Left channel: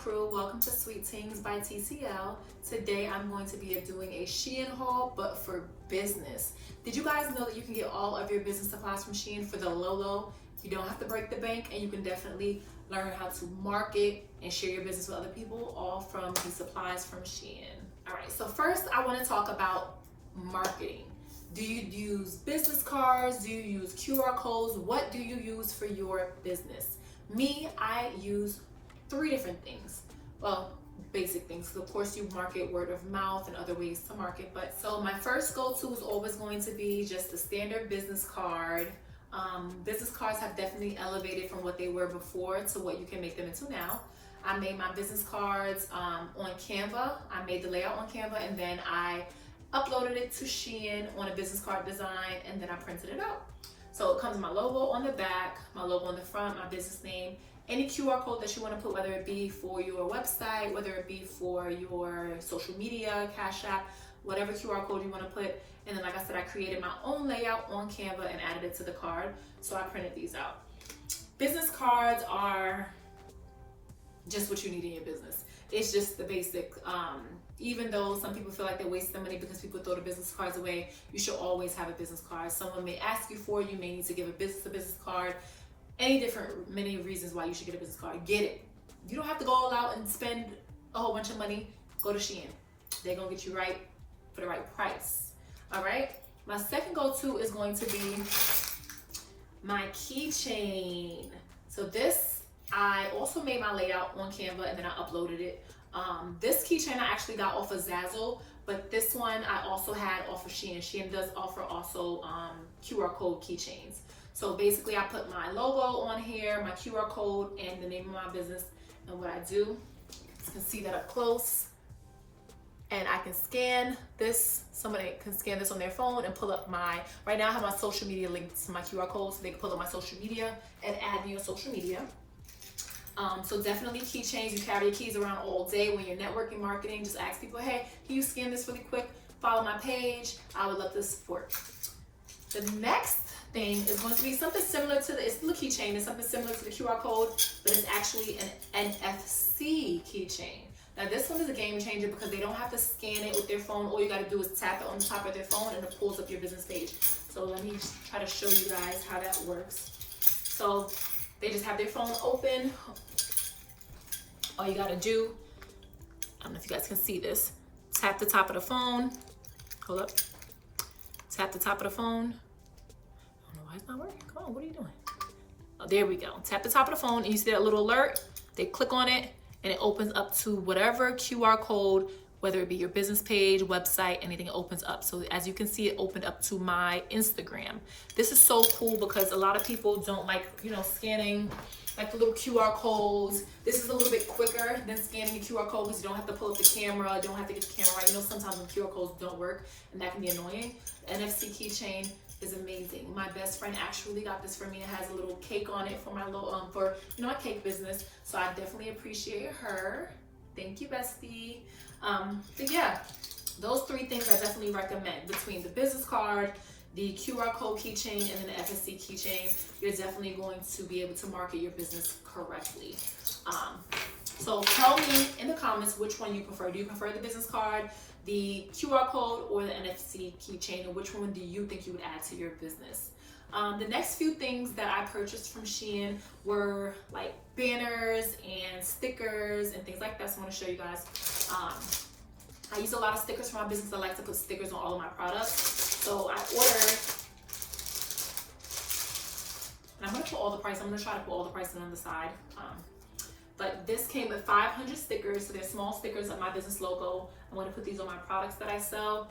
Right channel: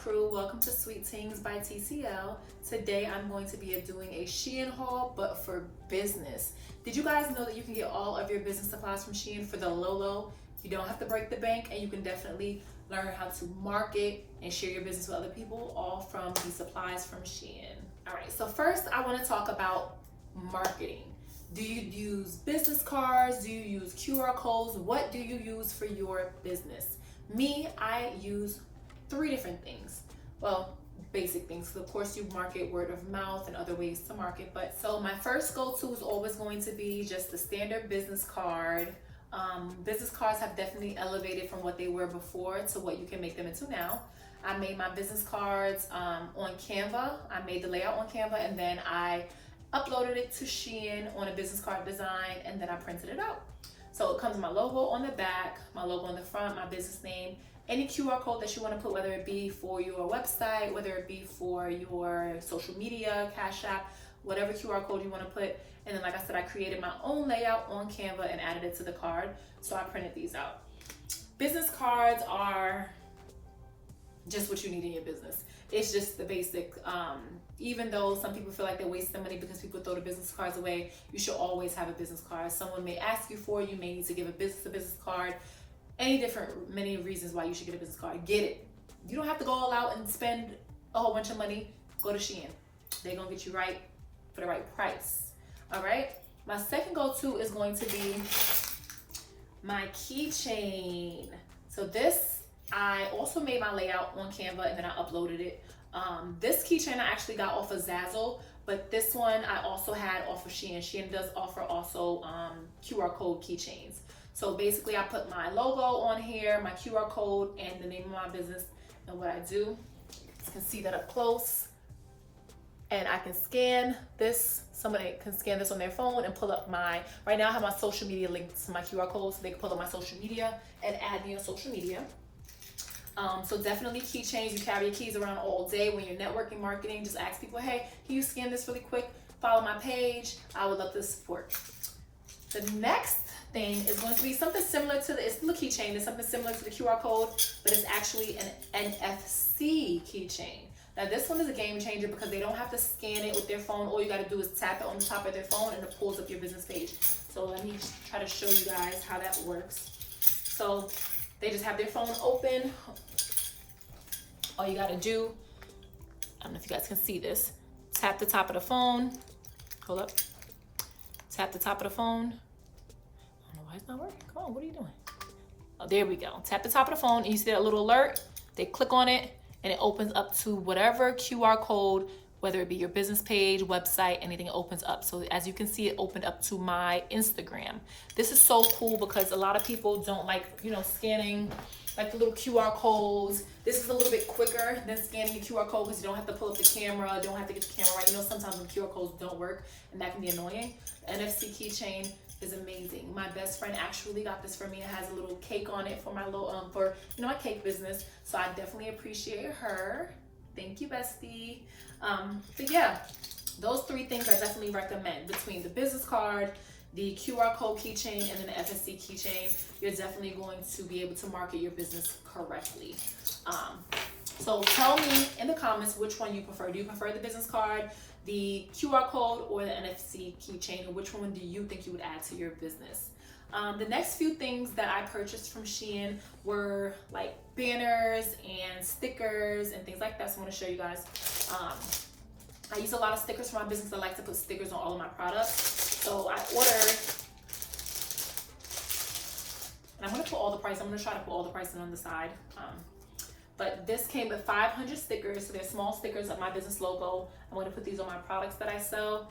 crew, welcome to SweeTings by TCL. Today I'm going to be doing a Shein haul, but for business. Did you guys know that you can get all of your business supplies from Shein for the low? You don't have to break the bank, and you can definitely learn how to market and share your business with other people, all from the supplies from Shein. All right, so first I want to talk about marketing. Do you use business cards? Do you use QR codes? What do you use for your business? Me, I use 3 different things. Well, basic things. So of course you market word of mouth and other ways to market. But so my first go-to is always going to be just the standard business card. Business cards have definitely elevated from what they were before to what you can make them into now. I made my business cards on Canva. I made the layout on Canva, and then I uploaded it to Shein on a business card design, and then I printed it out. So it comes with my logo on the back, my logo on the front, my business name, any QR code that you want to put, whether it be for your website, whether it be for your social media, Cash App, whatever QR code you want to put. And then, like I said, I created my own layout on Canva and added it to the card. So I printed these out. Business cards are just what you need in your business. It's just the basic. Even though some people feel like they're wasting money because people throw the business cards away, you should always have a business card. Someone may ask you for it. You may need to give a business card. Many reasons why you should get a business card. Get it. You don't have to go all out and spend a whole bunch of money. Go to Shein. They're gonna get you right for the right price. All right. My second go-to is going to be my keychain. So this, I also made my layout on Canva and then I uploaded it. This keychain I actually got off of Zazzle, but this one I also had off of Shein. Shein does offer also QR code keychains. So basically I put my logo on here, my QR code, and the name of my business. And what I do, you can see that up close. And I can scan this. Somebody can scan this on their phone and pull up right now I have my social media linked to my QR code, so they can pull up my social media and add me on social media. So definitely keychains. You carry your keys around all day when you're networking marketing. Just ask people, hey, can you scan this really quick? Follow my page. I would love to support. The next thing is going to be something similar to it's the keychain. It's something similar to the QR code, but it's actually an NFC keychain. Now this one is a game changer because they don't have to scan it with their phone. All you got to do is tap it on the top of their phone and it pulls up your business page. So let me try to show you guys how that works. So they just have their phone open. All you got to do, I don't know if you guys can see this, tap the top of the phone. Hold up. Tap the top of the phone. I don't know why it's not working. Come on, what are you doing? Oh, there we go. Tap the top of the phone and you see that little alert. They click on it and it opens up to whatever QR code, whether it be your business page, website, anything, it opens up. So as you can see, it opened up to my Instagram. This is so cool because a lot of people don't like, scanning like the little QR codes. This is a little bit quicker than scanning a QR code because you don't have to pull up the camera, don't have to get the camera right. Sometimes when QR codes don't work and that can be annoying. NFC keychain is amazing. My best friend actually got this for me. It has a little cake on it for my little, my cake business. So I definitely appreciate her. Thank you, bestie. But yeah, those 3 things I definitely recommend. Between the business card, the QR code keychain, and then the FSC keychain, you're definitely going to be able to market your business correctly. So tell me in the comments which one you prefer. Do you prefer the business card, the QR code, or the NFC keychain, or which one do you think you would add to your business? The next few things that I purchased from Shein were like banners and stickers and things like that. So I want to show you guys. I use a lot of stickers for my business. I like to put stickers on all of my products. So I ordered, and I'm going to put all the price. I'm going to try to put all the pricing on the side. But this came with 500 stickers. So they're small stickers of my business logo. I'm going to put these on my products that I sell.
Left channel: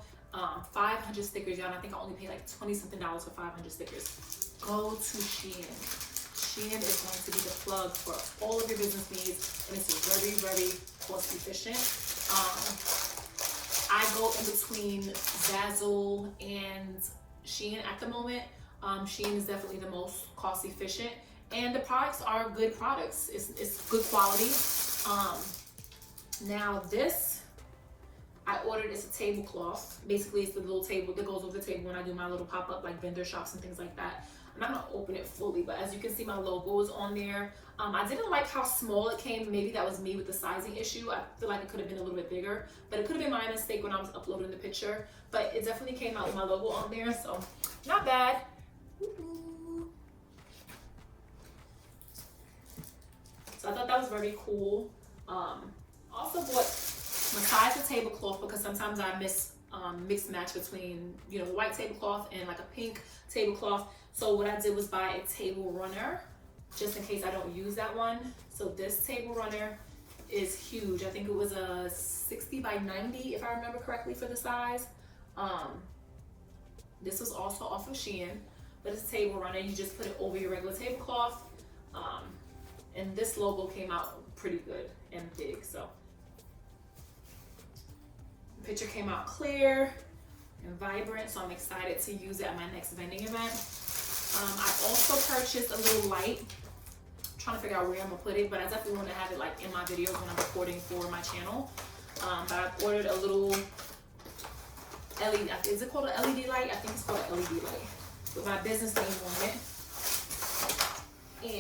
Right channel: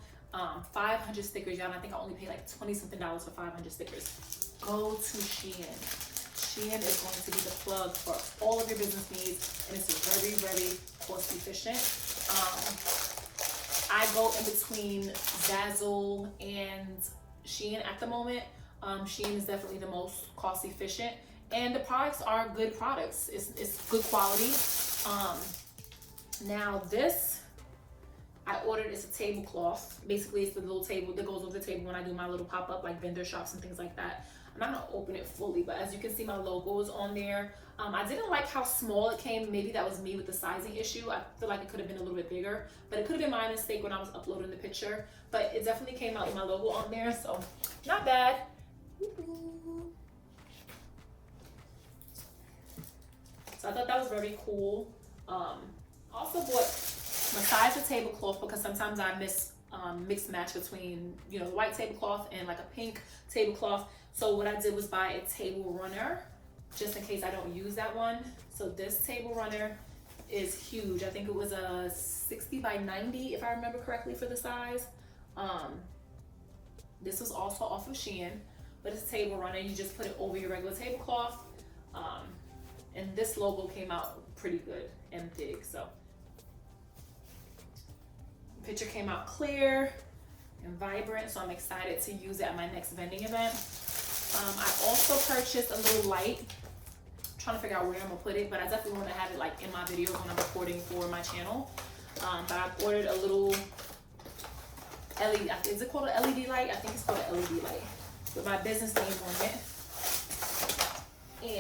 500 stickers, y'all. I think I only paid like $20-something for 500 stickers. Go to Shein. Shein is going to be the plug for all of your business needs, and it's very, very cost efficient. I go in between Zazzle and Shein at the moment. Shein is definitely the most cost efficient, and the products are good products. It's good quality. Now this I ordered is a tablecloth. Basically, it's the little table that goes over the table when I do my little pop-up like vendor shops and things like that. I'm not gonna open it fully, but as you can see, my logo is on there. I didn't like how small it came. Maybe that was me with the sizing issue. I feel like it could have been a little bit bigger, but it could have been my mistake when I was uploading the picture. But it definitely came out with my logo on there, so not bad. So I thought that was very cool. Also bought besides the tablecloth, because sometimes I mix match between, you know, the white tablecloth and like a pink tablecloth. So what I did was buy a table runner just in case I don't use that one. So this table runner is huge. I think it was a 60 by 90 if I remember correctly for the size. This was also off of Shein, but it's a table runner. You just put it over your regular tablecloth. And this logo came out pretty good and big, so. The picture came out clear and vibrant, so I'm excited to use it at my next vending event. I also purchased a little light. I'm trying to figure out where I'm gonna put it, but I definitely want to have it like in my videos when I'm recording for my channel. But I ordered a little LED, is it called an LED light? I think it's called an LED light with my business name on it.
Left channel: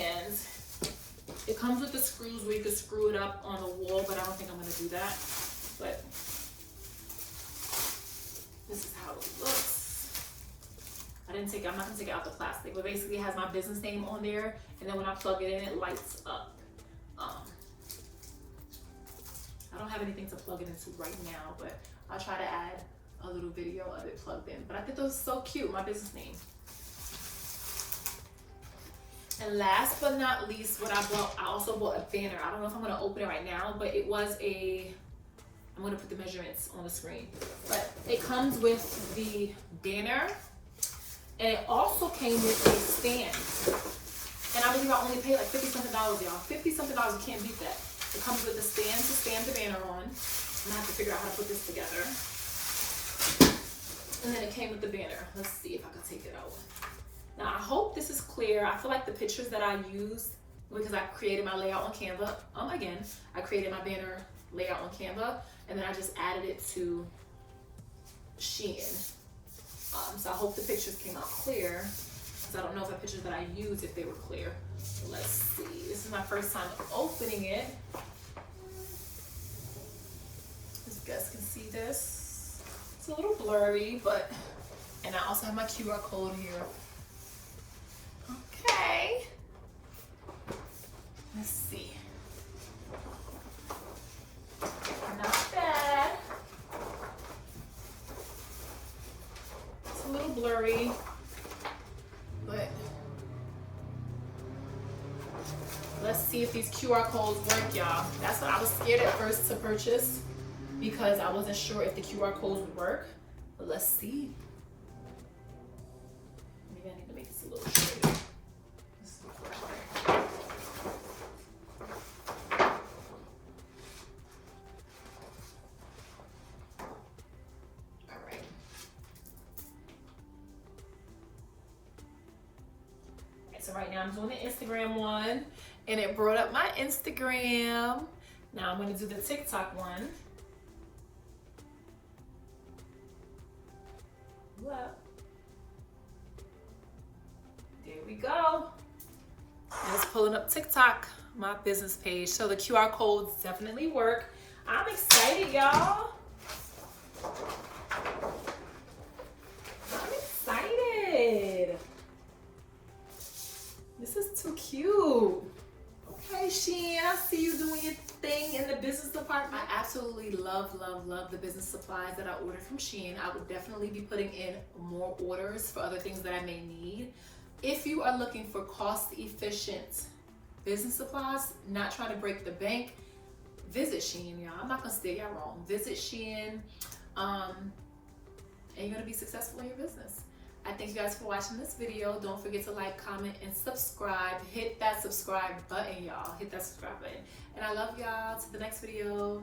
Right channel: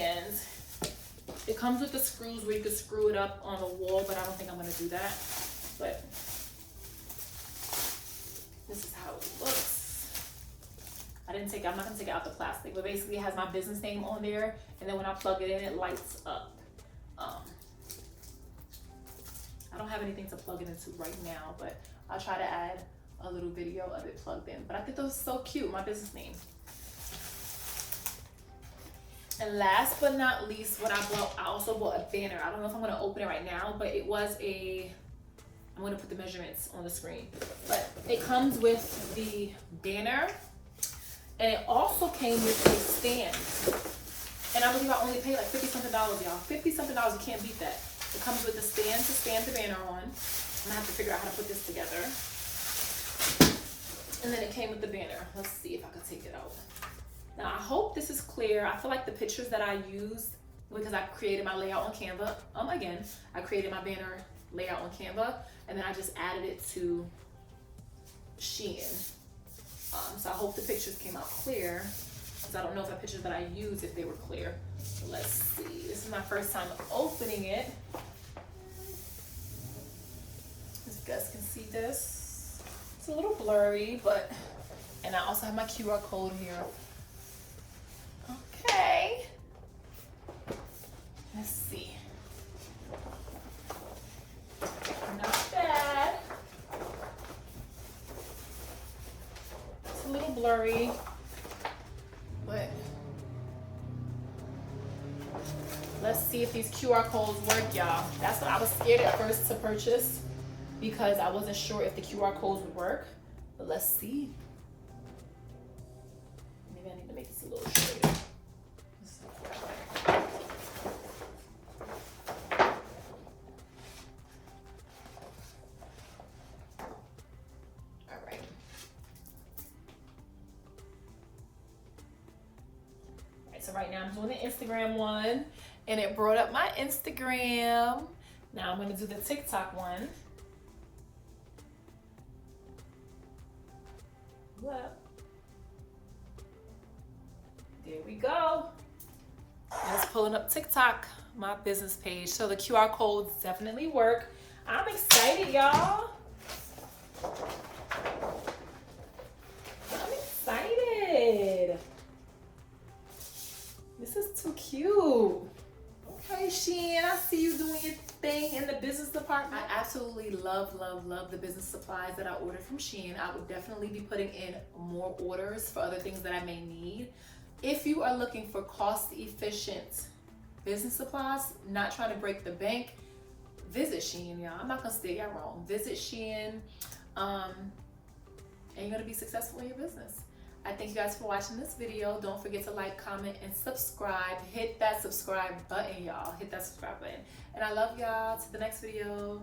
And it comes with the screws where you can screw it up on the wall, but I don't think I'm gonna do that. But this is how it looks. I'm not gonna take it out the plastic, but basically it has my business name on there, and then when I plug it in, it lights up. I don't have anything to plug it into right now, but I'll try to add a little video of it plugged in. But I think those are so cute, my business name. And last but not least, what I bought, I also bought a banner. I don't know if I'm gonna open it right now, but it was I'm gonna put the measurements on the screen. But it comes with the banner, and it also came with a stand. And I believe I only paid like $50-something, y'all. $50-something, you can't beat that. It comes with a stand to stand the banner on. I'm gonna have to figure out how to put this together. And then it came with the banner. Let's see if I can take it out. Now I hope this is clear. I feel like the pictures that I used, because I created my layout on Canva. Again, I created my banner layout on Canva, and then I just added it to Shein. So I hope the pictures came out clear, because I don't know if the pictures that I used, if they were clear. Let's see. This is my first time opening it. As you guys can see this. It's a little blurry, but, and I also have my QR code here. Okay. Let's see. Not bad. It's a little blurry, but let's see if these QR codes work, y'all. That's what I was scared at first to purchase, because I wasn't sure if the QR codes would work. But let's see. Maybe I need to make this a little straighter. So right now I'm doing the Instagram one, and it brought up my Instagram. Now I'm going to do the TikTok one. What? There we go. And it's pulling up TikTok, my business page. So the QR codes definitely work. I'm excited, y'all. I'm excited. This is too cute. Okay, Shein, I see you doing your thing in the business department. I absolutely love the business supplies that I ordered from Shein. I would definitely be putting in more orders for other things that I may need. If you are looking for cost-efficient business supplies, not trying to break the bank, visit Shein, y'all. I'm not gonna steer y'all wrong. Visit Shein, and you're gonna be successful in your business. I thank you guys for watching this video. Don't forget to like, comment, and subscribe. Hit that subscribe button, y'all. Hit that subscribe button. And I love y'all. To the next video.